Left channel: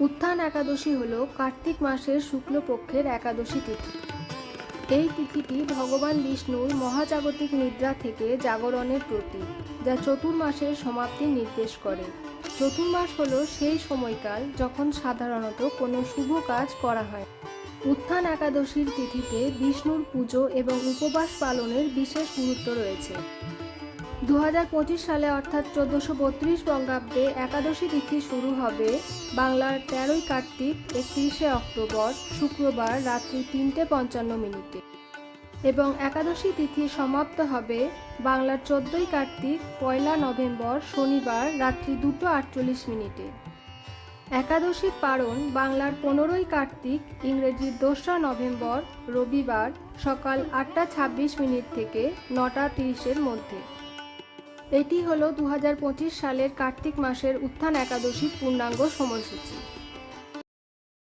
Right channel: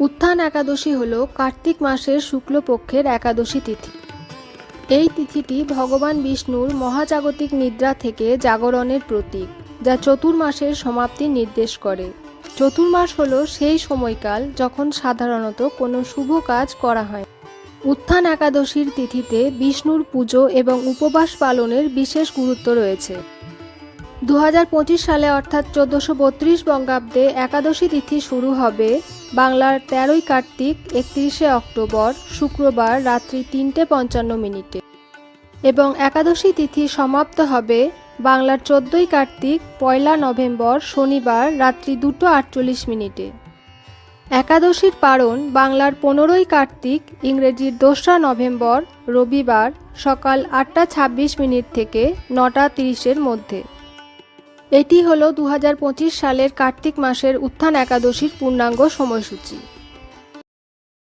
উত্থান একাদশী হল কার্তিক মাসের শুক্লপক্ষের একাদশী তিথি। এই তিথিটি ভগবান বিষ্ণুর মহাজাগতিক নিদ্রা থেকে জাগরণের প্রতীক, যা চতুর্মাসের সমাপ্তি নির্দেশ করে। চতুর্মাস হল সেই সময়কাল যখন সাধারণত কোনো শুভ কাজ করা হয়। উত্থান একাদশীর তিথিতে বিষ্ণুর পুজো এবং উপবাস পালনের বিশেষ গুরুত্ব রয়েছে। দু হাজার পঁচিশ সালে অর্থাৎ চোদ্দোশো বত্রিশ বঙ্গাব্দে একাদশী তিথি শুরু হবে বাংলার তেরোই কার্তিক, একত্রিশে অক্টোবর, শুক্রবার রাত্রি তিনটে পঞ্চান্ন মিনিটে। এবং একাদশী তিথি সমাপ্ত হবে বাংলার চোদ্দোই কার্তিক, পয়লা নভেম্বর, শনিবার রাত্রি দুটো আটচল্লিশ মিনিটে। একাদশীর পারণ বাংলার পনেরোই কার্তিক, ইংরেজির দোসরা নভেম্বর, রবিবার সকাল আটটা ছাব্বিশ মিনিট থেকে নটা তিরিশের মধ্যে। এটি হলো দু হাজার পঁচিশ সালের কার্তিক মাসের উত্থান একাদশীর পূর্ণাঙ্গ সময়সূচি।